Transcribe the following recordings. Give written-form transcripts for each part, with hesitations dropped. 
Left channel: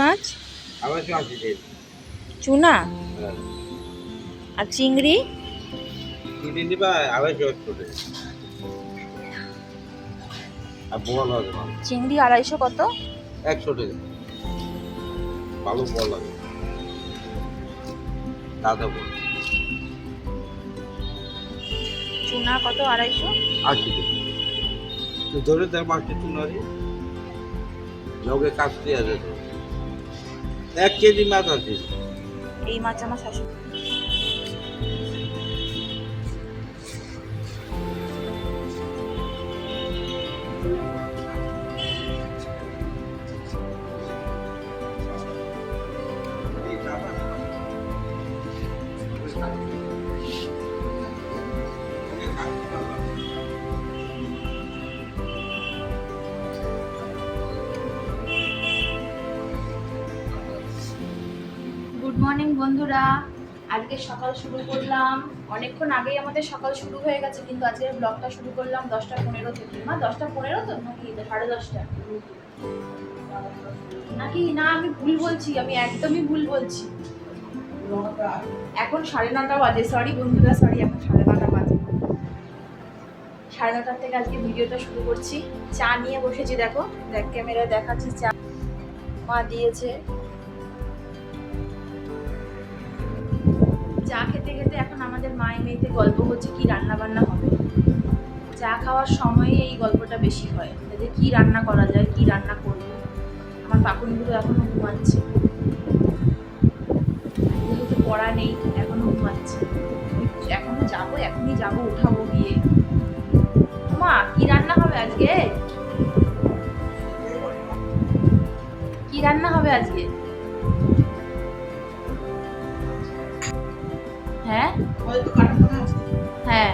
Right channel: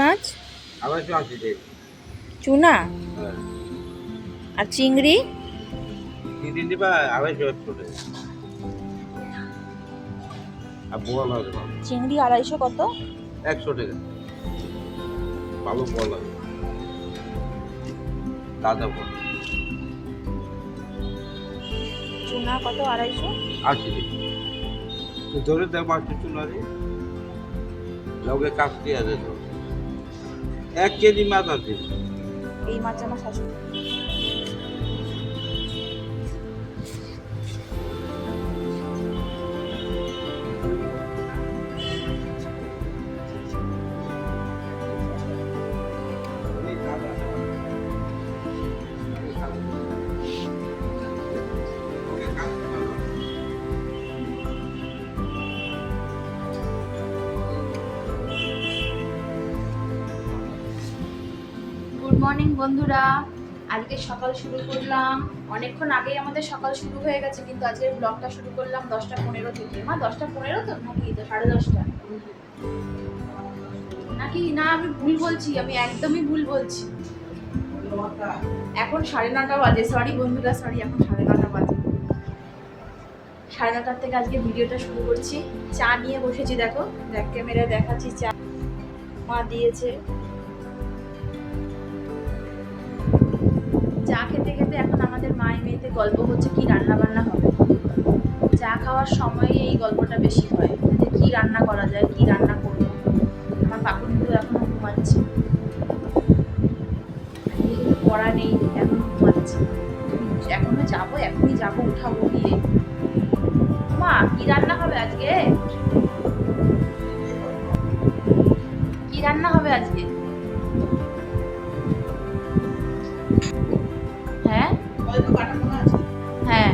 মাছ আবার একটু আসি যে চুনা আর চিংড়ি চিংড়ি দিবা আবার জয়েন করে আর বোয়াল হবে ভালো চিংড়ি 250 কত? 100 টাকা ভালো বোয়াল লাগে দাদা বল চুনা কত 250? আসি যে তো ধরে দেয় মাছটা চুনারি লগে কাটতে আছে তো 1 কেজি মাছ আছে এই মাছ আমার শাশুড়ি। গুড মর্নিং বন্ধুরা, আজকে সকাল শুরু করলাম। অনেকক্ষণ আগেই আমাদের সকাল শুরু হয়ে গেছে, কিন্তু আজকের ব্লগটা শুরু করলাম 10:15 থেকে। মা 10:15 তো নাকি 10:30? নাকি না, আমি ভুল বলছি, আমি একদমই ভুল বলছি। এখন 9:30 বাজে। সরি বন্ধুরা, সরি, এখন 9:30 বাজে। 9:30 থেকে আজকে ভিডিওটা শুরু করছি। চা নিয়ে বসেছি, দেখো ব্যাক ক্যামেরায় দেখাচ্ছি। চা মা দিয়েছে। চা খেতে খেতে এখন আমাদের মায়ের মেয়েতে গল্প হচ্ছে কি রান্না বান্না হবে। চা খাওয়ার সময় এই গল্পটা বেশি হয়, যে কি রান্না করা যায়, কি রান্না করবো। আমার পাকুনগুলো এখনো ঘুমাচ্ছে, যেহেতু পড়া নেই এখনো ঘুমাচ্ছে। এখনো যাবো, এখনই যাবো, উঠাবো গিয়ে। মা কি রান্না হবে আজকে? কি রান্না হবে আজকে? হ্যাঁ হ্যাঁ,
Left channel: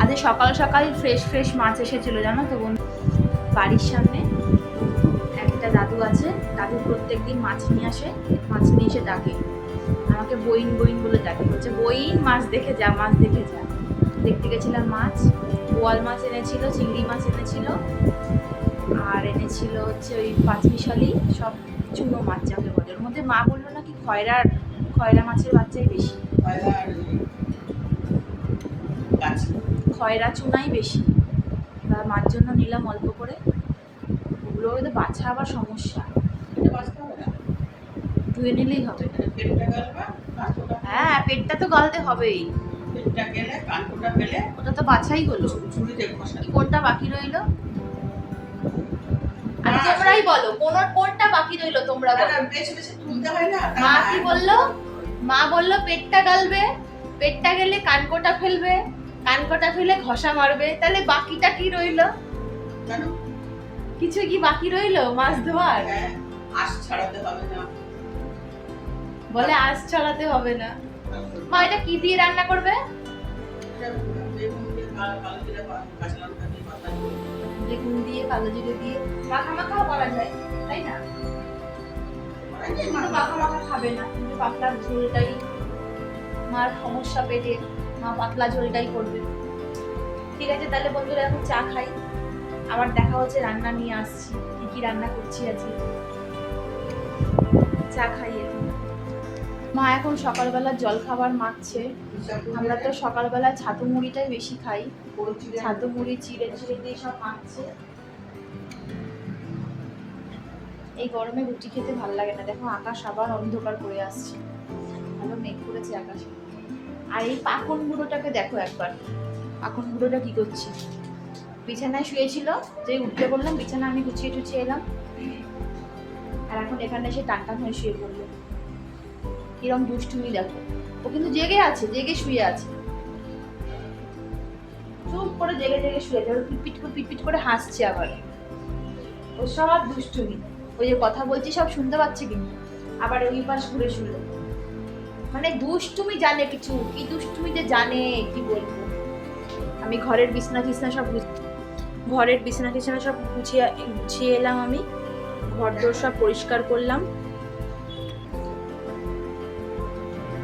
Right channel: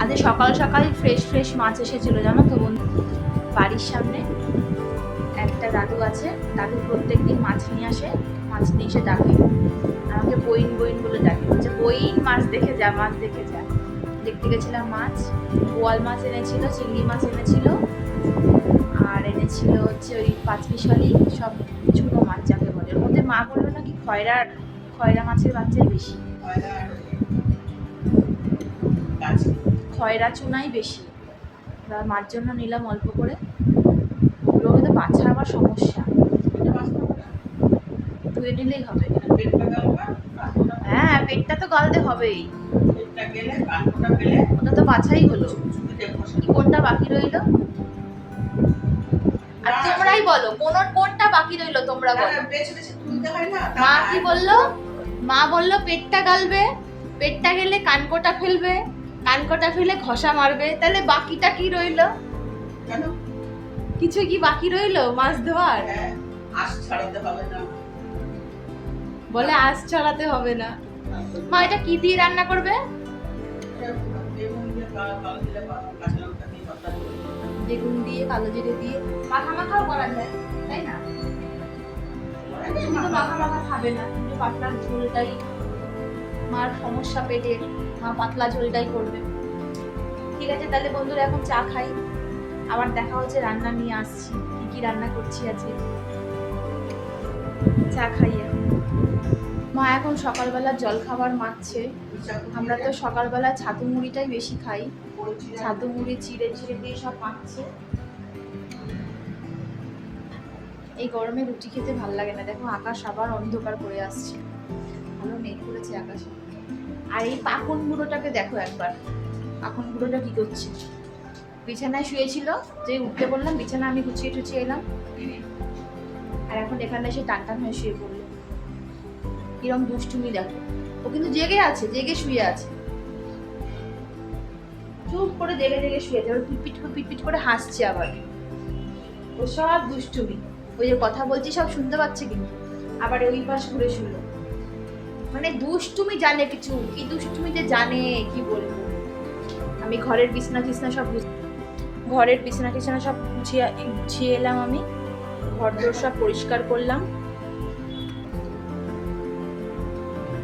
আজকে সকাল সকাল ফ্রেশ ফ্রেশ মাছ এসেছিল, জানো তো বন্ধু। বাড়ির সামনে একটা দাদু আছে, দাদু প্রত্যেকদিন মাছ নিয়ে আসে। মাছ নিয়ে এসে ডাকে আমাকে, বইন বইন বলে ডাকে, বলছে বইন মাছ দেখে যা, মাছ দেখে যা। দেখতে গেছিলাম মাছ, বোয়াল মাছ এনেছিল, চিংড়ি মাছ এনেছিল, আর এনেছিল হচ্ছে ওই পাঁচমিশালি সব চুনো মাছ যাকে বলে। ওর মধ্যে মা বললো নাকি খয়রা মাছের বাচ্চাই বেশি, খয়রা চুনাই বেশি। এবার মার জন্য নিলাম অল্প করে। ওগুলো তো বাছা আবার সমস্যা, ধুয়ে নিলেই হবে। হ্যাঁ, পেটটা তো গালতে হবেই, ওটা তো বাছাই হলো। কোনটা বাকি রইলো? আর তোমরাই বলো কোনটা বাকি রইলো, তোমরা বলো। মা কি বললো? মা বললো পেটটা গালবে, পেটটা গেলে কানকোটা ফেলবে, কানকোটা ফেলে ঘষা মারবে। তাহলে বাকিটা কি রইলো? কিছু কি বাকি রইলো মাছ ধোয়ার? বলে আঁশ ছড়াতে হবে না। মা এটা কি দিয়ে রান্না করবে? বেগুন দিয়ে, কালো জিরে দিয়ে মাখা মাখাও করা যায়, তাই না? মাখা মাখা খাবে না, কিন্তু পাতলা ঝোলটাই মার সমস্যা পেটের, মা পাতলা ঝোলটাই করবে। ঠিক আছে, তাহলে বন্ধুরা এখন চা খাই, আবার দেখা হচ্ছে। রান্না নিয়ে আসছি, কি কি রান্না করছি আজকে। চা খাই এখন। মা এখন সকালবেলা জল খাবার মাখছে। আমরা তো সকালবেলা ছাতু মুড়িটাই বেশি খাই, ছাতু মুড়ি চিড়ে চিড়ে দিয়ে সব মাখছে। এই গরমে রুটি খেতে ভালো লাগে না। দেখো আকাশ আবার অন্ধকার করে আসছে, ভালো মেঘ করেছে আকাশে। আর এই পাখন বুড়োটাকে দেখো একবার, পাখন বুড়োটা কি করছে? বিছানায় শুয়েছিল, যে উঠতে বললাম বিছানা আমি গুছিয়ে টুছিয়ে এলাম, আর এখন এখানে এসে টান টান হয়ে শুয়ে পড়লো। কিরম দুষ্টুমি দেখো। ও কিন্তু জেগে আছে, জেগে শুয়ে আছে, চুপ করে জেগে জেগে শুয়ে আছে। ওর পিটপিট করে হাসছে আবার। ও সব দুষ্টুমি, ওই যে কথা বলছি সব শুনতে পাচ্ছে, কিন্তু আবার ওই পাশ ঘুরে শুনলো। মানে দুষ্টুমি জানে, কিছু কি দুষ্টুমি যে জানে কি বলবো। আমি ঘরের বিছানা টিছনা সব গুছিয়ে এলাম। আমি ঘর দোর সব পরিষ্কার করলাম।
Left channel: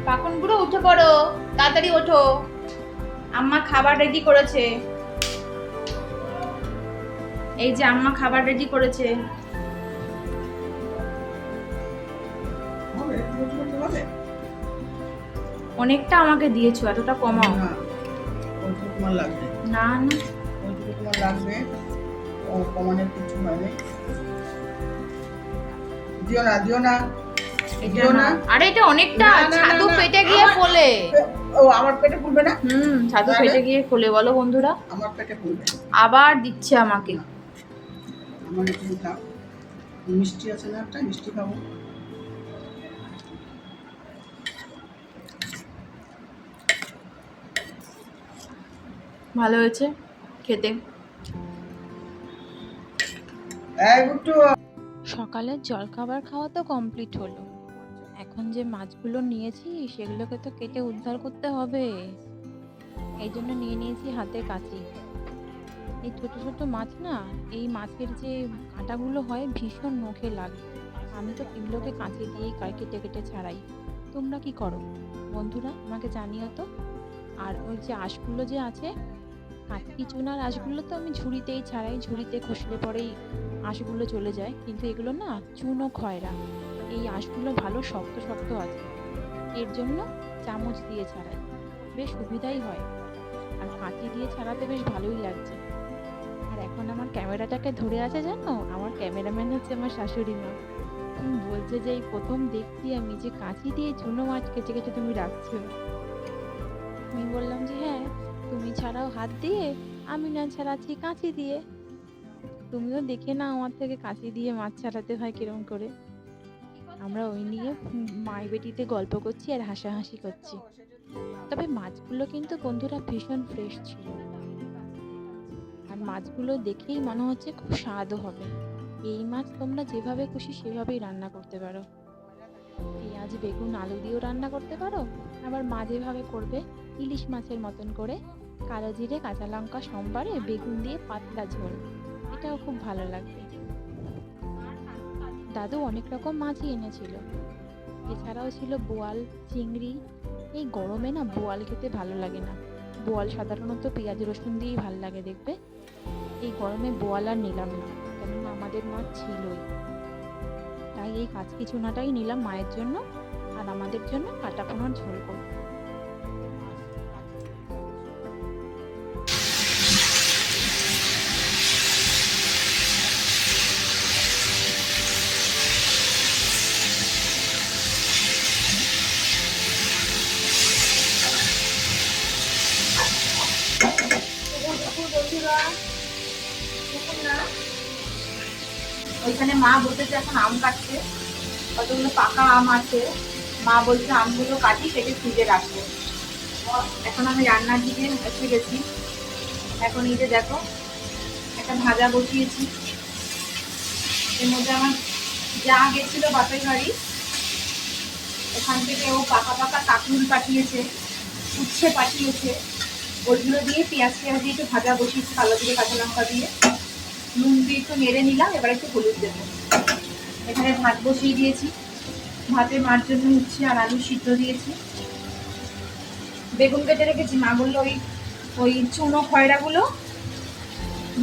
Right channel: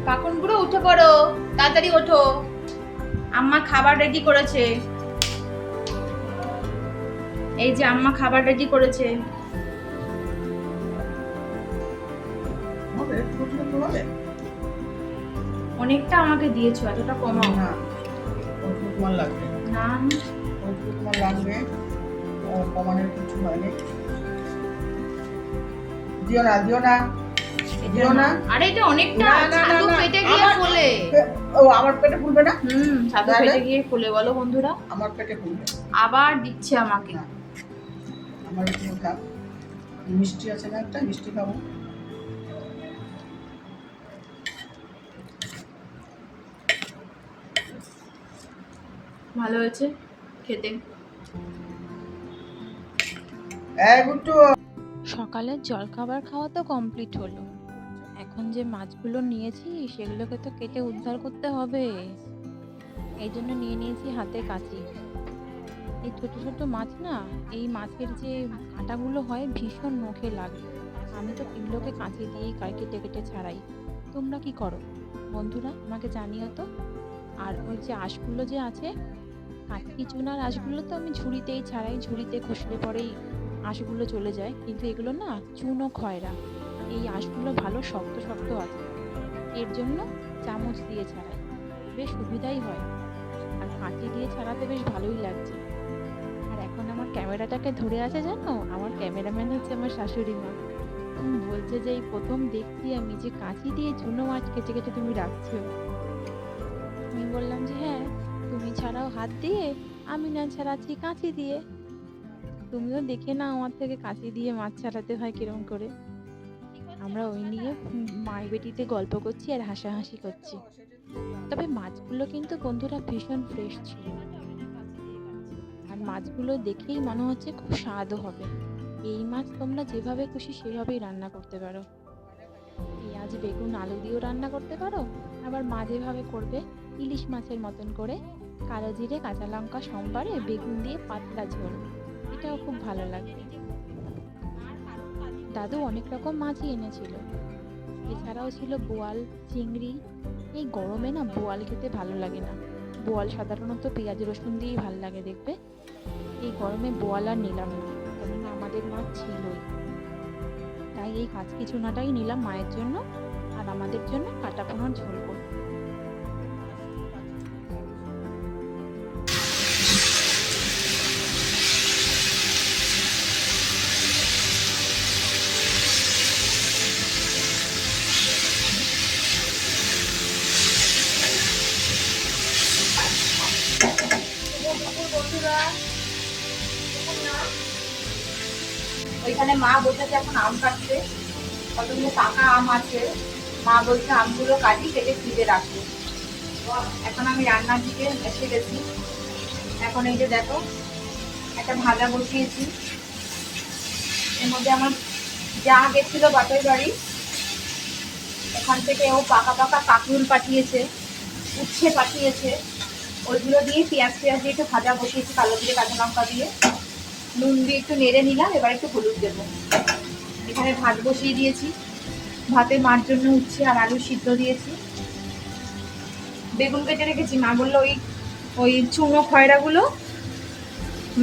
পাখন বুড়ো উঠে পড়ো, তাড়াতাড়ি ওঠো, আম্মা খাবার রেডি করেছে। এই যে আম্মা খাবার রেডি করেছে। অনেকটা আমাকে দিয়েছো, এতটা কমাও না ওইটুকু তোমার লাগবে, না। ওইটুকু তোমার লাগবে, কমানোর কিছু হয়নি। দিও না দিও না দিও না। আরে এটা অনেকটা না, না, না, ছাতু না, পেটে গিয়ে আমার- ফোলে। ও আমার পেটে ফুলবে না, ছাতু তাহলে? পেটে গিয়ে ফোলে, বলো বন্ধুরা। আমার পেটে ফুলবে আবার দিচ্ছে আমাকে। না, আমার একটু খাও। মিষ্টি আছে না, একটা মিষ্টি খাবো। ভালো হয়েছে খেতে। এই গুট্টু, সকালের জলখাবার খাওয়া তো কমপ্লিট হলো। এখন যে মাছগুলো নিয়েছি সেগুলোকে তো কেটে উদ্ধার করতে হবে। এই জন্য নিয়ে নিয়েছি হাতে কাঁচি। এই ছোট ছোট মাছ না, এই মাছের যে কাঁটাগুলো হয় ভীষণ নখে লাগে। আমি তো এগুলোকে কাঁচি দিয়েই কেটে কেটে ছাড়াই। তোমরা কি করো বন্ধুরা, আমাকে জানিও তো। আর ওই যে আঁশগুলো যে আছে, কাটকি চুনার আঁশগুলো তো আমি ঝুড়িতেই ছাড়াই, ঝুড়িতে খসলে পরেই আঁশগুলো চলে যায়। কিন্তু এগুলো না চুনো খয়রা, এই আঁশগুলো ভালো শক্ত শক্ত আছে, এর জন্য চামচ দিয়ে ছাড়াই, বেশ সুবিধাই হয়। আর কাঁচি দিয়ে ছাড়াতে বেশ ভালোই লাগছে। আর এখন আমার ক্যামেরাটাকে ধরে আছে জানো, আমার ক্যামেরাম্যান হচ্ছে আমার শাশুড়ি মা। বলছে যে এই প্রথম দেখছি আমি যে কাঁচি দিয়ে চুনো মাছ কেটে কেটে তুমি রাখছো। আমি বললাম যে হ্যাঁ, তুমি ছাড়াও হাত দিয়ে, আমি না ছাড়াচ্ছি কাঁচি দিয়ে। তুমিও দেখে না আমার থেকে কাঁচি দিয়ে মাছ ছাড়াতে হয় কিরম করে। আমরা ওই নিয়ে মাই বেটিতে গল্প করছি আর হাসাহাসি করছি। তবে মাছগুলো কিন্তু বন্ধুরা ভীষণ ফ্রেশ ছিল, আর মাছগুলো দেখেই মনে হচ্ছে খুব স্বাদও হবে। এই মাছ তোমরা যেভাবে খুশি সেভাবেই রান্না করতে পারো। পেঁয়াজ বেগুন আলু দিয়েও রান্না করতে পারো, আবার মা যেভাবে করবে ইলিশ মাছের মতন করে কালো জিরে কাঁচা লঙ্কা সম্বারে বেগুন দিয়ে পাতলা ঝোল, এটাও খুব ভালো লাগবে। দাদু অনেক রকম মাছই এনেছিল, এছাড়াও ছিল বোয়াল চিংড়ি। এই গরমে না বোয়াল খেতে ভালো লাগে না, বোয়াল সাধারণত পেঁয়াজ রসুন দিয়েই ভালো লাগে দেখবে। এই গরমে বোয়াল আর নিলাম না, কেননা আমাদের মাছ ছিলই। তাই এই কাঁচকি চুনাটাই নিলাম মায়ের জন্য, আর আমাদের জন্য কাটা পোনার ঝোল করব। ওইখানে মা বলতেছে এখন আম কাটছে, কতগুলো পাকা আম আছে। মা বলছে আমগুলো কাটি, কেটে ফ্রিজে রাখবো। এখন আমি রান্নার দিকে এসে গেছি। এখন এই যে দেখো একটা ভাজা বসিয়েছি, এর মধ্যে আমার যা গেছিল বাপের বাড়ি, ওখান থেকে ও পাকা পাকা কাঁকরুল পাঠিয়েছে, উচ্ছে পাঠিয়েছে, ওইগুলো দিয়ে পেঁয়াজ দিয়ে একটু ভাজা বসিয়েছি কালো দিয়ে কাঁচা লঙ্কা দিয়ে, নুন দিয়ে একটু নেড়ে নিলাম। এবার একটু হলুদ দেবো। এখানে ভাত বসিয়ে দিয়েছি, ভাতে মার জন্য উচ্ছে আর আলু সিদ্ধ দিয়েছি। বেগুন কেটে রেখেছি। মা বললো ওই ওই চুনো খয়রাগুলো,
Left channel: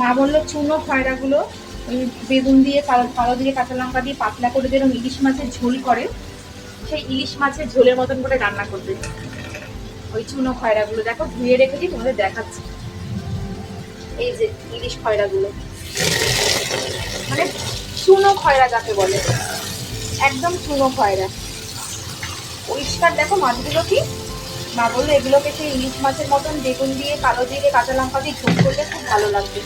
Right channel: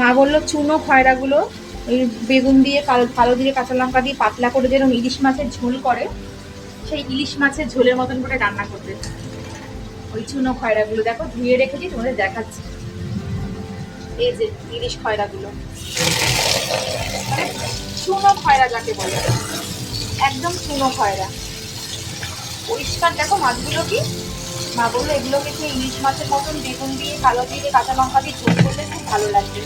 মা বললো চুনো খয়রাগুলো ওই বেগুন দিয়ে কালো দিয়ে কাঁচা লঙ্কা দিয়ে পাতলা করে যেরকম ইলিশ মাছের ঝোল করে, সেই ইলিশ মাছের ঝোলের মতন করে রান্না করবে। ওই চুনো খয়রাগুলো দেখো ধুয়ে রেখেছি, তোমাদের দেখাচ্ছি। এই যে ইলিশ খয়রাগুলো, মানে চুনো খয়রা যাকে বলে, একদম চুনো খয়রা। পরিষ্কার দেখো মাছগুলো কি। মা বললো এগুলোকে সেই ইলিশ মাছের মতন বেগুন দিয়ে কালো দিয়ে কাঁচা লঙ্কা দিয়ে ঝোল করলে খুব ভালো লাগবে।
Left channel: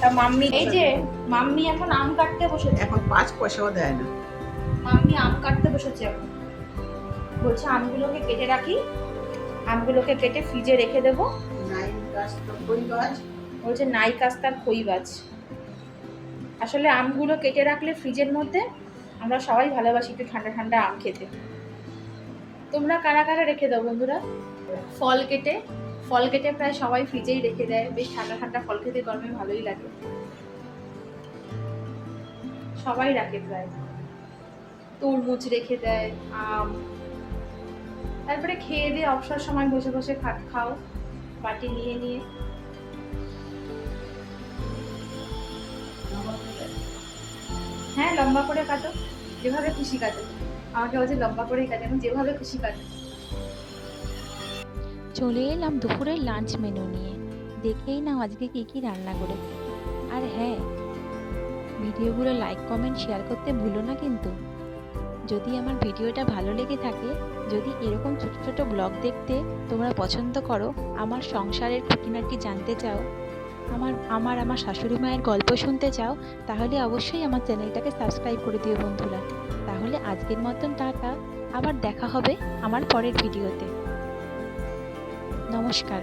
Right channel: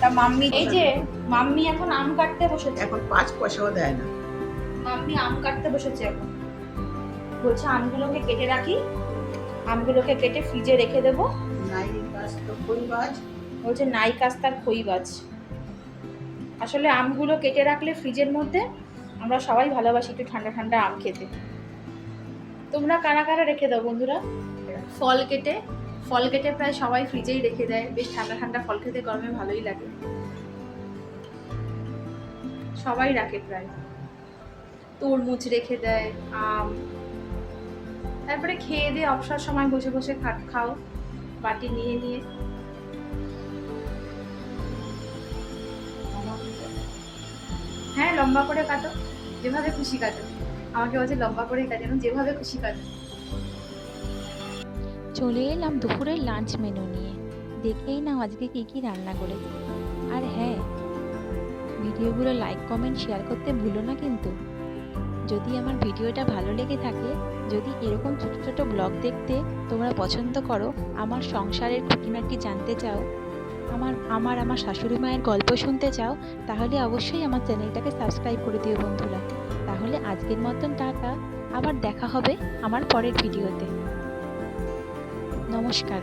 তা মাম্মি, এই যে মাম্মি এখন আম কাটতে বসেছে। এখন 5 পয়সাও দেয় না। মাম্মি আম কাটতে বসেছে এখন। বলছে আমগুলোকে কেটে রাখি, আমগুলোকে কেটে ফ্রিজে রেখে দেবো। নাই গাছ তো কই গাছ, বলছে নাই কাজ তার খই গাছ। আসলে আমগুলো কেটে রাখলে ফ্রিজের মধ্যে, আমরা সবাই ভালোবাসি একটু ঠান্ডা ঠান্ডা আম খেতে। তোমরা কারা কারা রেখে দাও বন্ধুরা? ফল কেটে প্রায় সবাই ফ্রিজেই রেখে দেয়, বেশ ঠান্ডা ঠান্ডা ফল খেতে গরমে ভালোই লাগে। সবাই রাখে প্রায়, তরমুজ রেখে দেয়, আম। তারপরে খেয়ে দিয়ে অবসর সময় বসে বসে খাও বাটি নিয়ে নিয়ে। হ্যাঁ, লম্বা করে কাটো, যেভাবে খুশি কাটো। আমাকে বলছে লম্বা করেই কাটানো, যেভাবে খুশি কাটো। চলে এলাম দুপুরের লাঞ্চ মেনু নিয়ে। দেখেই নাও আজকে কি কি রান্না করেছি। আর হ্যাঁ, ভিডিওগুলো লাইক কমেন্ট শেয়ার করতে ভুলো না কিন্তু। যদি আমার ভিডিওটা ভালো লেগে থাকে, যদি এরকম ছোট ছোট ব্লগ দেখতে তোমরা পছন্দ করো, আমার সংসারের খুঁটিনাটি জানতে চাও, আমার শাশুড়ি মায়ের গল্প শুনতে চাও, তাহলে অবশ্যই আমার চ্যানেলটাকে সাবস্ক্রাইব করে দিও বন্ধুরা। তাহলে আজকের মতন টাটা, আবার দেখা হবে আমার পরের ভিডিওতে। নমস্কার।